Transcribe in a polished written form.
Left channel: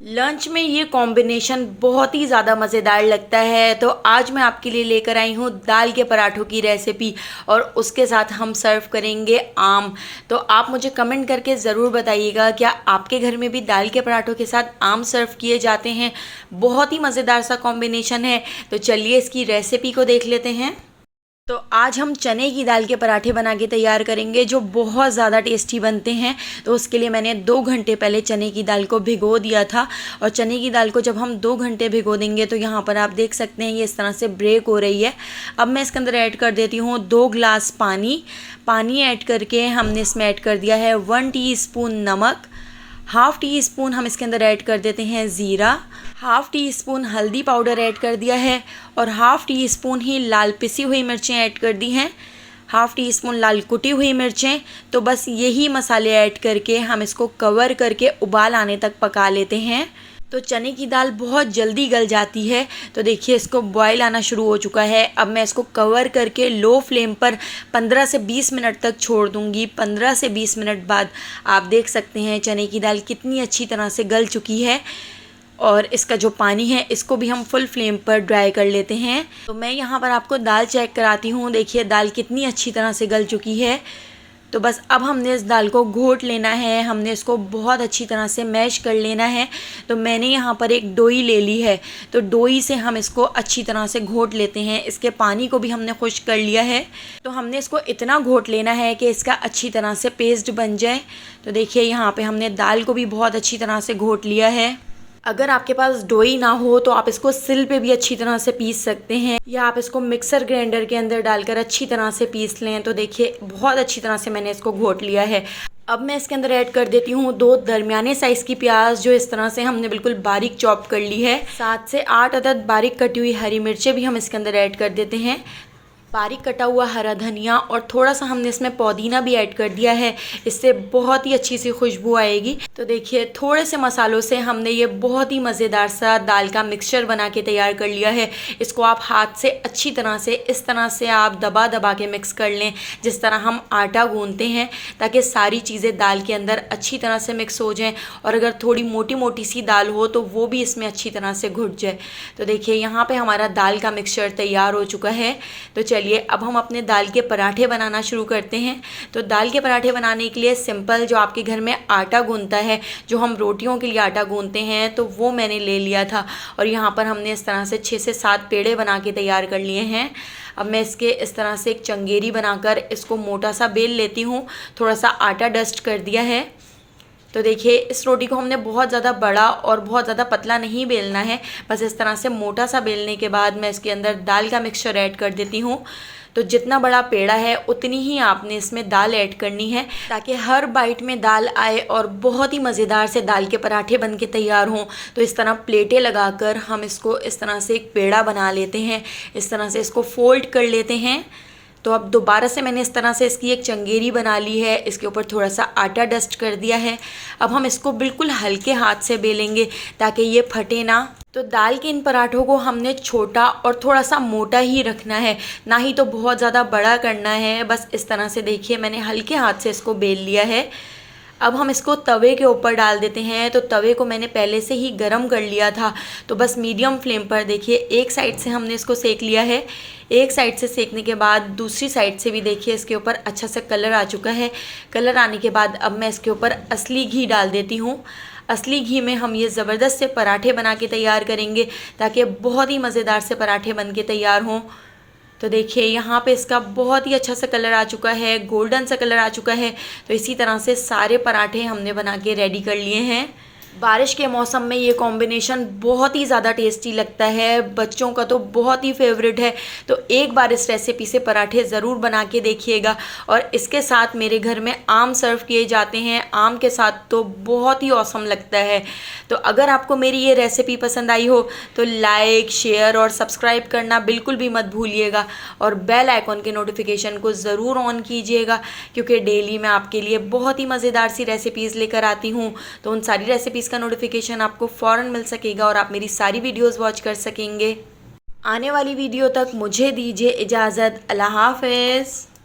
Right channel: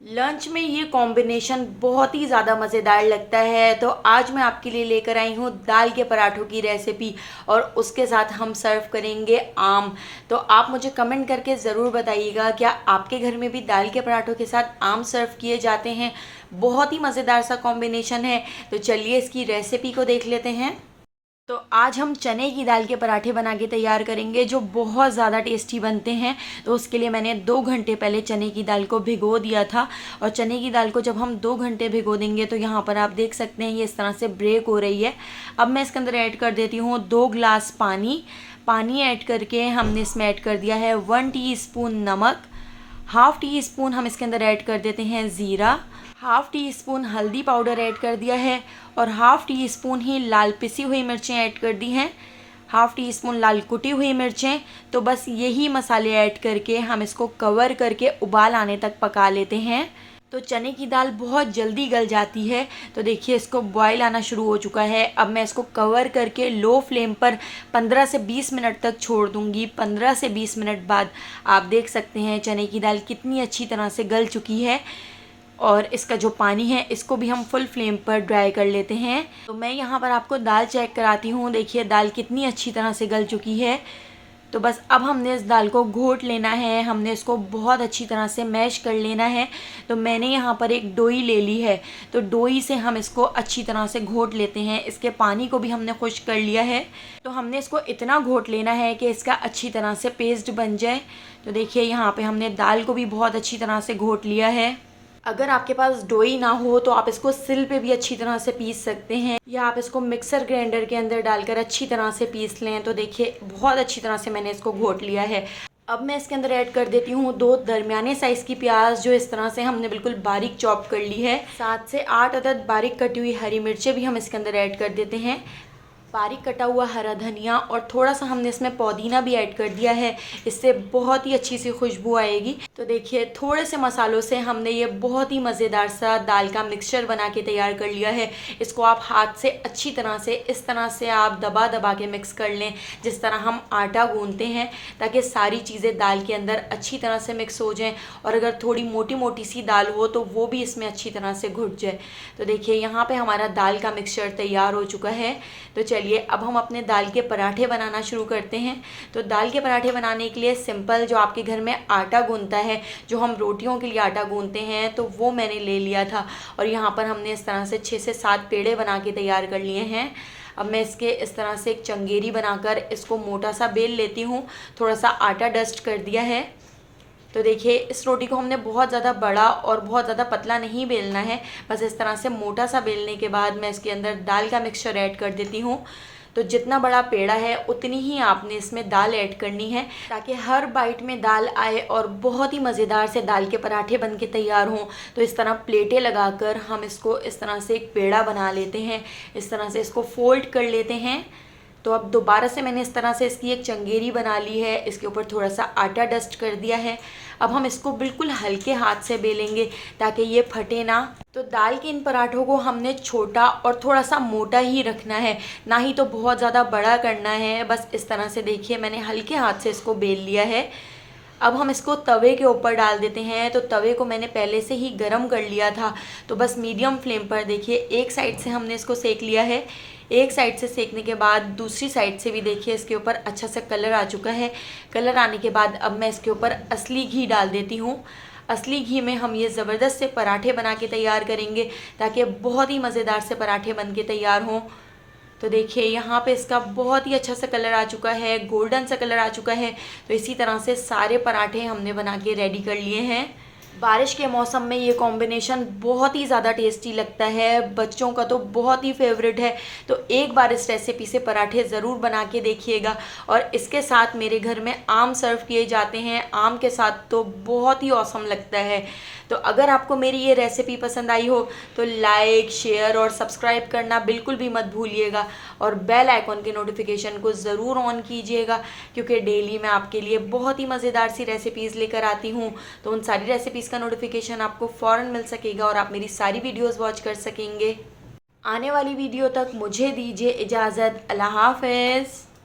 Lunch में ये combination बहुत ही ज़्यादा मज़ेदार लगता है। तो आज मैं आपके लिए लेकर आई हूँ दाल के पराठों की रेसिपी और उसके साथ हम सर्व करेंगे आम। तो आप मुझे कमेंट करके ज़रूर बताइएगा क्या आपके घर में भी दाल के पराठों के साथ आम सर्व किए जाते हैं। बहुत ही मज़ेदार सा कॉम्बिनेशन है। तो चलिए इसकी रेसिपी को देख लेते हैं। तो आज हम चने की दाल के पराठे बना के तैयार करेंगे जो बहुत ज़्यादा टेस्टी बनते हैं। तो उसके लिए मैंने 2 घंटे पहले चने की दाल को भिगो दिया था। और चने की दाल को जब हम 2 घंटे भिगो देंगे तो यहाँ पर आप देख सकते हैं ये इस तरह से ब्रेक हो रही है। अब मैं इसके अंदर ऐड कर देती हूँ 2 गिलास पानी। पानी ऐड करके हमने इसमें ऐड कर दिया है 1 टीस्पून नमक। हाफ़ टी स्पून हम इसके अंदर ऐड कर देते हैं ज़ीरा। हाफ़ टी स्पून हल्दी पाउडर ऐड कर दिया है और हाफ़ टी स्पून ही लाल पिसी हुई मिर्चें ऐड कर दी हैं। हाफ़ टी स्पून लाल कुटी हुई मिर्चें। तो बस यही मसाले ऐड करके हम इसको कवर करके उबाल आने तक पका लेते हैं। तो चने की दाल बहुत जल्दी गल जाती है। तो देखिए इसको बॉयल आना शुरू हो चुका है। अब मैं इसको कवर करके लो फ्लेम पर 15 से 20 मिनट तक छोड़ दूंगी। 15 से 20 मिनट बाद आप देख सकते हैं चने की दाल कितनी अच्छी तरह से गल चुकी है। और इसका जो पानी है इसको भी हम फुल फ्लेम पर ड्राई कर लेते हैं। तो मैं यहाँ पर आपको दाल चेक कराती हूँ। देखिए दाल कितनी अच्छी तरह से गल चुकी है। तो बस अब हमने इस दाल को घोट लेना है। हमने इसको बहुत अच्छी तरह से मैश कर लेना है। तो मैंने यहाँ पर एक डोई ले ली है। तो डोई से हम इसको अच्छी तरह से घोट लेते हैं। इसके पानी को भी हमने खुश्क कर लिया है। तो हमने इसको इतना घोट लेना है कि इसका अच्छी तरह से पेस्ट बन जाए। तो देखिए यहाँ पे हमने दाल को भी बहुत अच्छी तरह से घोट लिया है। अगर आपके पास डोई ना हो तो आप इसको सिल पे भी अच्छी तरह से पीस सकते हैं या आप इसको मिक्सर ग्राइंडर के अंदर डालकर अच्छी तरह से पीस लें। तो देखिए बहुत अच्छी तरह से मैंने इसको घोट लिया है। अब मैं इसके अंदर ऐड कर देती हूँ 2 दरमियाने साइज़ की प्याज जो इस तरह से हमने बिल्कुल बारीक चॉप कर ली है। 7 से 8 अदद बारीक कटी हुई हरी मिर्चें भी हम इसके अंदर ऐड कर देते हैं। बारीक कटा हुआ हरा धनिया और थोड़ा सा हमने इसमें पुदीना भी ऐड कर दिया है। इससे बहुत ही अच्छी सी खुशबू आएगी। तो देखिए थोड़े से मसालों से हमने ये बहुत ही मज़ेदार सा दाल का मिक्सचर बना के तैयार कर लिया है। इसको आप हाथ से अच्छी तरह से इस तरह से आप दबा दबा के मिक्स कर लें जिस तरह हम आटा गूंथते हैं, ताकि सारी चीज़ें दाल के अंदर अच्छी तरह से मिक्स हो जाएँ। और अगर थोड़ी मोटी मोटी सी दाल हो तो वो भी इसमें अच्छी तरह से घुट जाए। तो देखिए यहाँ पे हमारा दाल का मिक्सचर तैयार हो चुका है। तो चलिए अब हम अपने दाल के पराठे बनाना शुरू करते हैं। तो दाल के पराठे बनाने के लिए सिंपल जो आपके घर में आटा गूंथता है, जो हम रोटियों के लिए आटा गूंथते हैं, तो वो मैंने ले लिया था। और यहाँ पर हमने इस तरह से 6 से 7 पेड़े बना के तैयार कर लिए हैं। अब मैं इसके इस तरह से एक चंगेरी बनाकर इसको मोटा सा बेल लेती हूँ। थोड़ा सा आटा डस्ट कर दिया है। तो देखिए इस रोटी को हमने बहुत ज़्यादा बड़ा और बहुत ज़्यादा पतला नहीं बेलना है। बस इस तरह से मोटा सा बेलने के बाद मैं इसके अंदर दाल का मिक्सचर ऐड कर देती हूँ। तो जितना बड़ा पेड़ा है उतनी ही आपने इसमें दाल ऐड करनी है, ताकि हर बाइट में दाल आए और बहुत ही मज़ेदार से दाल के पराठे बन के तैयार हों। तो इस तरह प्लेटें लगाकर हम इसको इस तरह से एक पेड़ा बना लेते हैं। इस तरह से इसको फोल्ड कर लेते हैं। तो अब दोबारा से मैंने इस तरह से इसकी एक चंगेरी बना ली है। इसके ऊपर थोड़ा सा आटा डस्ट कर दिया है। अब हम इसको बिल्कुल हल्के हाथ से बेलेंगे ताकि ये फटे ना। तो दाल के इन पराठों को हमने छोटा और थोड़ा सा मोटा ही रखना है, ना ही तो बहुत ज़्यादा बड़ा करना है। बस इस तरह से देखिए मैंने हल्के हाथ से इसको बेल लिया है। अब हम इसको तवे के ऊपर डाल देते हैं। तो तवे को मैंने पहले से ही गरम कर लिया था। तो बस मीडियम फ्लेम पर देखिए एक साइड से हमने इसको सेक लिया है। एक साइड से सेकने के बाद दूसरी साइड से भी देखिए इसके ऊपर अच्छा सा कलर आ चुका है। कलर आने के बाद अब मैं इसके ऊपर असली घी डाल देती हूँ। असली घी में हम ये ज़बरदस्त से पराठे बना के तैयार करेंगे, ताकि बहुत ही मज़ेदार से पराठे बन के तैयार हों। तो देखिए यहाँ पे इसका बहुत ही अच्छा सा कलर आ चुका है, गोल्डन सा कलर आ चुका है। तो इसी तरह से सारे पराठे हमने बना के रेडी कर लिए हैं। बारिश के मौसम में ये कॉम्बिनेशन बहुत ही ज़्यादा टेस्टी लगता है। बच्चों का तो बहुत ही फेवरेट है। तो एक बार इस रेसिपी से पराठे ज़रूर बना के देखिएगा। और इसके साथ मेरे घर में आम सर्व किए जाते हैं। आम के साथ तो बहुत ही औसम लगता है। तो अगर आपको मेरी ये रेसिपी पसंद आई हो तो लाइक, शेयर और सब्सक्राइब करना बिल्कुल भी मत भूलिएगा। और बेल आइकॉन के नोटिफिकेशन को ज़रूर ऑन कीजिएगा, क्योंकि डेली मैं आपके लिए बहुत ही मज़ेदार सी रेसिपीज़ लेकर आती हूँ। तो उन सारी रेसिपीज़ का नोटिफिकेशन आपको फ़ौरन मिल सकेगा और आप मेरी सारी वीडियोज़ वॉच कर सकेंगे। आने वाली वीडियो तक मुझे दीजिए इजाज़त। अल्लाह हाफ़िज़।